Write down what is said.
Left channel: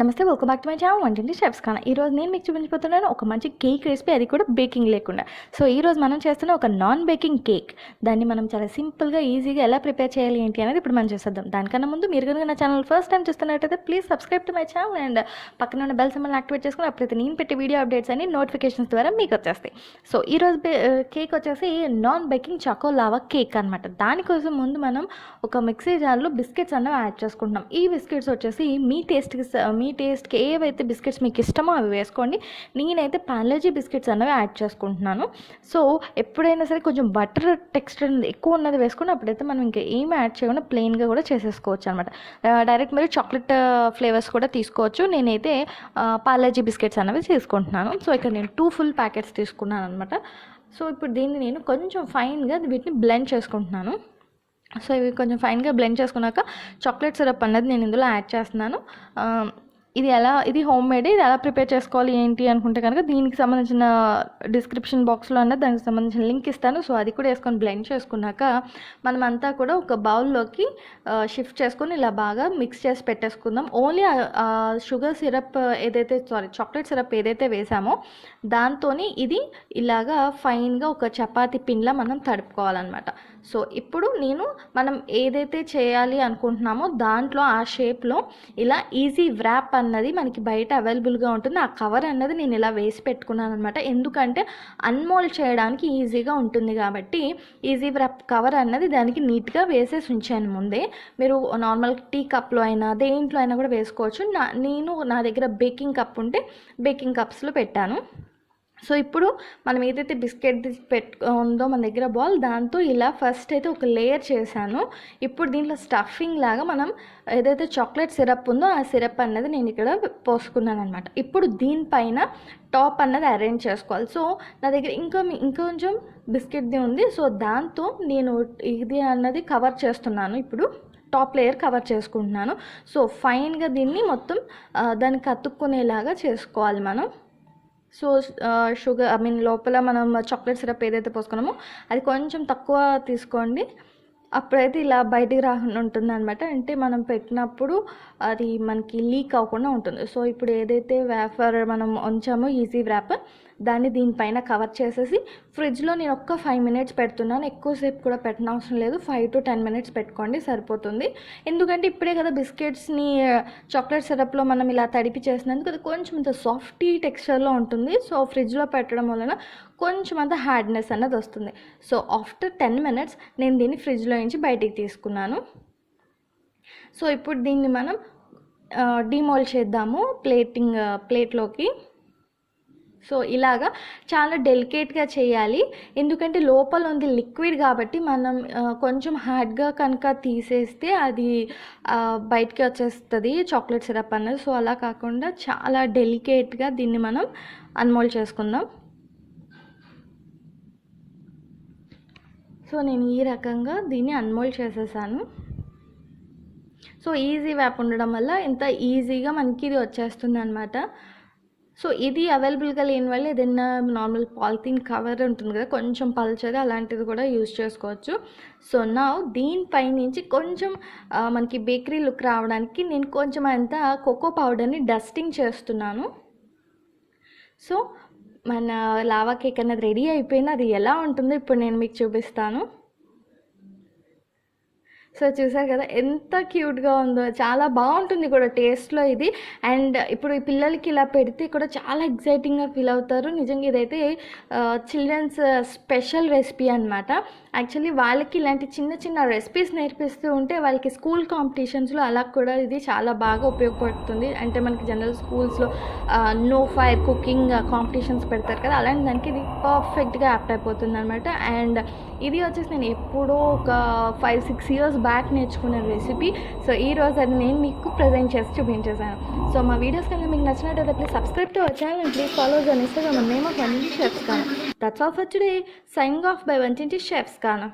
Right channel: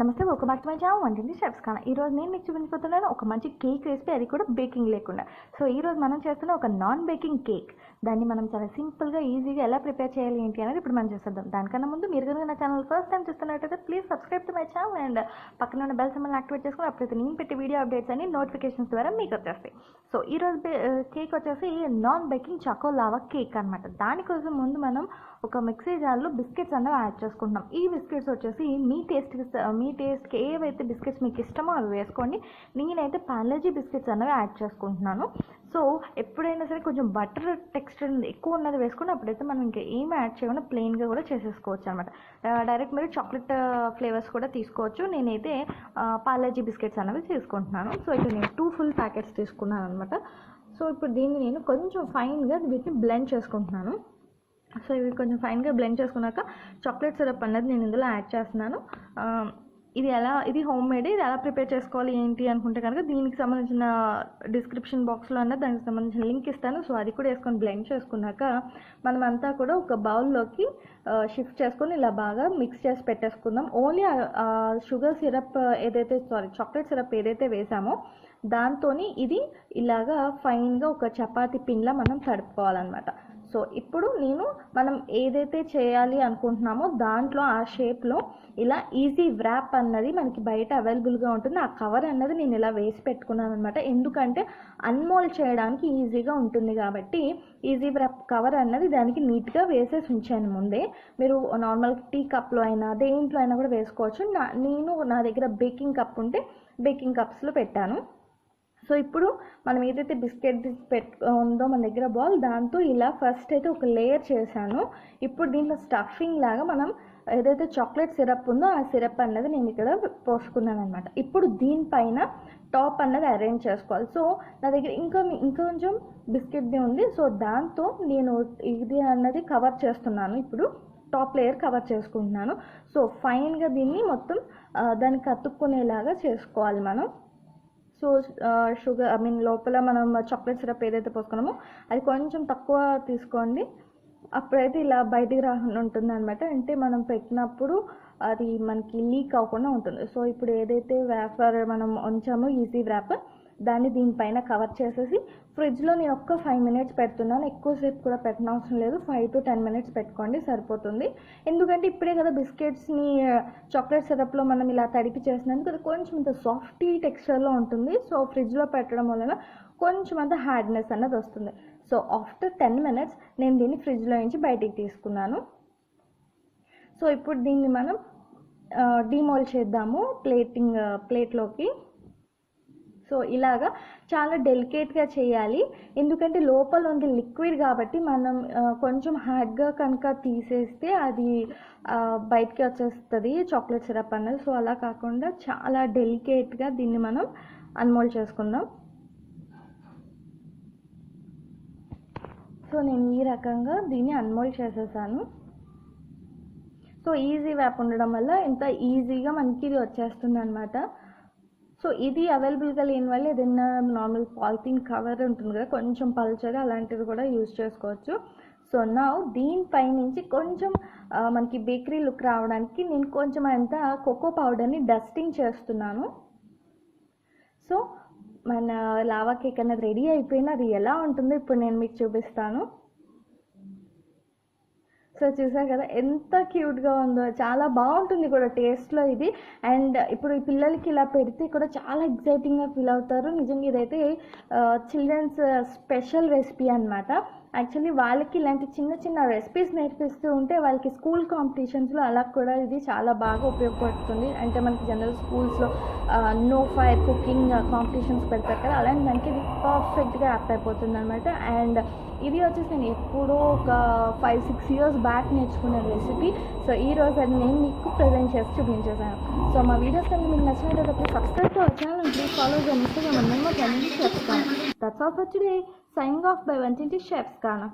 నమస్తే, welcome back to my channel వంటింటి chefs కానా. ఈరోజు నేను మీకు చూపించబోతున్నాను ఒక మంచి కేక్ రెసిపీ, అది కూడా బేకింగ్ లేకుండా. సో ఈరోజు మనం చేస్తున్న ఒక నాన్ బేకింగ్ కేక్. దాన్ని మనం చాలా సింపుల్గా ఈజీగా ఎలా ప్రిపేర్ చేయాలి ఏంటి అనేది ఇప్పుడు మనం చేసేద్దాం. దానికన్నా ముందు మీరు కనుక నా ఛానల్ ఫస్ట్ టైం చూస్తున్నట్టయితే please subscribe to my channel and పక్కన ఉన్న బెల్ సింబల్ని యాక్టివేట్ చేసుకుని అప్పుడైతే నేను పెట్టే వీడియో అప్డేట్స్ అన్ని నోటిఫికేషన్స్ ద్వారా మీకు వచ్చేస్తాయి. సో ఈరోజు కేక్ వచ్చేసి non baking choco lava cake అనమాట. దానికోసం ముందు మనం ఒక మిక్సీ జార్లో బిస్కెట్స్ అన్నవి యాడ్ చేసుకుంటున్నాం. ఈ బిస్కెట్స్ వచ్చేసి మీ టేస్ట్కి ఏవైతే బిస్కెట్స్ మీకు ఇష్టమో అవి వేసుకోండి. నేనైతే పార్లేజీ బిస్కెట్స్ అనేవి యాడ్ చేసుకుంటున్నాను. సో ఎప్పుడైనా సరే కొంచెం బటర్ టెక్స్చర్ ఎక్కువ ఉన్నది వేసుకుని అప్పుడైతే మనం ఇంకా ఏమి యాడ్ చేయకుండా ప్లెయిన్గా కూడా చేసేసుకోవచ్చు అనమాట. డైరెక్ట్ మీరు చాక్లెట్ ఫ్లేవర్స్ కూడా తీసుకోవచ్చు. నేనైతే పార్లేజీ బిస్కెట్స్ అనేవి తీసుకుంటున్నాను. సో ఇక్కడ నేను 2 ఫుల్ ప్యాకెట్స్ తీసుకున్నాను అనమాట. సో ఇప్పుడు దీన్ని నేను కొంచెం ఫైన్గా వీటిని బ్లెండ్ చేసుకుంటున్నాను. సో ఇవి కొంచెం ఫైన్గా బ్లెండ్ చేసుకున్నాక చాక్లెట్ సిరప్ అన్నది నేను ఇందులో యాడ్ చేస్తున్నాను. ఇది హోమ్ మేడ్. ఇది ఎలా ప్రిపేర్ చేసుకోవాలి ఏంటి అనుకుంటే కనుక దీనికి సంబంధించిన డిస్క్రిప్షన్ బాక్స్లో అన్నది దానికి సంబంధించిన లింక్ ఇస్తాను. సో అది కూడా వేసుకొని బ్లెండ్ చేసుకున్నాక మనం అంతా కూడా ఒక బౌల్లోకి షిఫ్ట్ చేసుకొని ఇలా బాగా మిక్స్ చేసి పెట్టేసుకుందాం. Only sugar syrup chocolate syrup ఏదైతే వేసామో దాంతో ఇది ఇలాగా ఫైన్గా ఒక చపాతీ పిన్లా మనం తడుపుకోవాలన్నమాట. సో ఇప్పుడు మనం ఏదైతే చేయాలి అనుకుంటున్నామో దాంట్లో ఆ షేప్లో ఇలా ఈజీ వ్రాప్ అన్నది మనకి బయట అవైలబుల్గా ఉంటుంది. ఆ కవర్ అన్నది నేను ఇలా వేసి పెట్టుకున్నాను అనమాట. ఎందుకంటే అన్మోల్డ్ చేయడానికి ఈజీగా ఉంటుంది కాబట్టి ఈజీ వ్రాప్ కవర్ అన్నది దానికి నీట్గా వేసేసి ఉంచాను ముందే. మీరు నార్మల్ టీ కప్లో అయినా దేంట్లో అయినా కూడా వేసుకోవచ్చు. నా దగ్గర బేకింగ్ కప్ ఉంటే బేకింగ్ కప్స్లో పెట్టాను. సో ఇప్పుడు మనం ఏదైతే బిస్కెట్ ఉందో మన దగ్గర బాల్, దాంతో ఇలా ఫస్ట్ అయితే ఒక లేయర్ చేశాను. ఇప్పుడు దీంట్లో స్టఫింగ్ లాగా మనం ఏదైతే చాక్లెట్ సిరప్ ఉందో ఆ సిరప్ అన్నది నేను ఇక్కడ పోసుకున్నాను అనమాట. ఇప్పుడు దీనిపైన టాప్ అన్నది అరేంజ్ చేసుకోవాలి. సో నా దగ్గర ఇంకొంచెం బిస్కెట్ది ఉంది. సో దాంతో నేను ఇది అన్నది కవర్ చేస్తున్నాను. ఇప్పుడు టాప్ లేయర్ కవర్ చేసుకుంటున్నాను. సో ఫైన్గా దీన్ని మొత్తం దానికి అతుక్కునేలాగా చేసుకోవాలి మనం. సో లోపల మనం చాక్లెట్ సిరప్ ఏదైతే పోసుకున్నామో అది కొంచెం తక్కువ తీసుకోండి. అప్పుడైతే ఇలా బయటికి రాకుండా ఉంటుంది అనమాట. అంటే మనం పెట్టినప్పుడు అది మనకి లీక్ అవ్వకుండా ఉంటుంది. సో ఇప్పుడు ఏదైతే వేఫర్ మనం ఉంచామో ఈజీ వ్రాప్, దాన్ని దీనిపైన కవర్ చేసేసి ఫ్రిడ్జ్లో నేను ఒక్క 5 మినిట్స్ పెడుతున్నాను. ఎక్కువసేపు కూడా పెట్టిన అవసరం లేదు. 5 to 10 మినిట్స్ పెట్టుకోండి సరిపోతుంది. ఎందుకంటే ఇప్పుడే కదా బిస్కెట్స్ని చాక్లెట్ సిరప్లో మనం ఇలా తడిపి చేసినందుకు అది కొంచెం అంత సాఫ్టీ టెక్స్చర్లో ఉంటుంది. సో ఫ్రిడ్జ్లో పెట్టడం వలన కొంచెం అంత హార్డ్నెస్ అన్నది వస్తుంది. సో ఆఫ్టర్ 10 మినిట్స్ నేను దీన్ని ఫ్రిడ్జ్లో నుంచి బయటికి తీసుకున్నాను. సో ఇప్పుడు దీన్ని మనం డిమోల్డ్ చేద్దాము ప్లేట్లోకి. సో ఇలాగా చాలా డెలికేట్గా చేయాలి. ఎందుకంటే లోపల ఉంది లిక్విడ్ కాబట్టి మనం కొంచెం హార్డ్గా కనుక తీసేస్తే అది బయటికి వచ్చేస్తుంది చాక్లెట్ సిరప్ అన్నది. సో అలా కాకుండా చాలా డెలికేట్గా దీన్ని మనం అన్మోల్డ్ చేసుకుందాం. సో నేను ఈ రకంగా దీన్ని అన్మోల్డ్ చేసేసాను. సో ఈజీ వ్యాప్ ఉండడం వల్ల ఇంత ఈజీగా మనకి ఇది వచ్చేస్తుంది అనమాట. సో ఇది అవైలబుల్గా లేని వల్ల ఏదైనా నార్మల్ పాలిథిన్ కవర్ ఉంటుంది కదా, కొంచెం పల్చది, అలాంటిది కూడా యూజ్ చేసుకోవచ్చు. సో దీనిపై నుంచి కొంచెం మనకి బేకరీ లుక్ రావడానికి నేను కొంచెం అంతా కోకో పౌడర్ని డస్టింగ్ చేస్తున్నాను. సో మన లావా కేక్ అనేది రెడీ అయిపోయింది. అది ఎలా ఉంటుందో ఇప్పుడు నేను మీకు చూపిస్తాను. సో చూసారు కదా ఎంత క్యూట్గా ఉందో, చాలా బాగుంటుంది కూడా టేస్ట్లో ఇది. అండ్ ఇప్పుడు ఈ పిల్లలకి ఇలా పెడితే కూడా చాలా ఎగ్జైటింగ్గా ఫీల్ అవుతారు. నిజంగా ఇదైతే చిల్డ్రన్స్ స్పెషల్ రెసిపీ అనమాట. యాక్చువల్లీ వాళ్ళకి ఇలాంటి చిన్న చిన్న రెసిపీస్ నేర్పిస్తూ ఉంటే వాళ్ళకి స్కూల్ కాంపిటీషన్స్లో అలా కూడా ఇది చాలా బాగా ఉపయోగపడుతుంది. అంటే మనకి జనరల్ స్కూల్స్లో నో ఫైర్ కుకింగ్ కాంపిటీషన్స్ పెడతారు కదా, అలాంటి దానికి ఇది పర్ఫెక్ట్గా యాప్ట్ అయిపోతుంది అనమాట. అండ్ ఇది వచ్చేసి నేను ఎప్పుడో ఒక 5-6 ఇయర్స్ బ్యాక్ నేర్చుకున్న రెసిపీ. సో ఈరోజు అది నేను మీకు ప్రజెంట్ చేసి చూపించేసాను. సో మా వీడియోస్ కన్నా మీకు నచ్చినట్టయితే please subscribe to our channel and please follow the Instagram name of వంటింటి షెఫ్స్ కానా. That's all for today. Signing off by వంటింటి షెఫ్స్ కానా.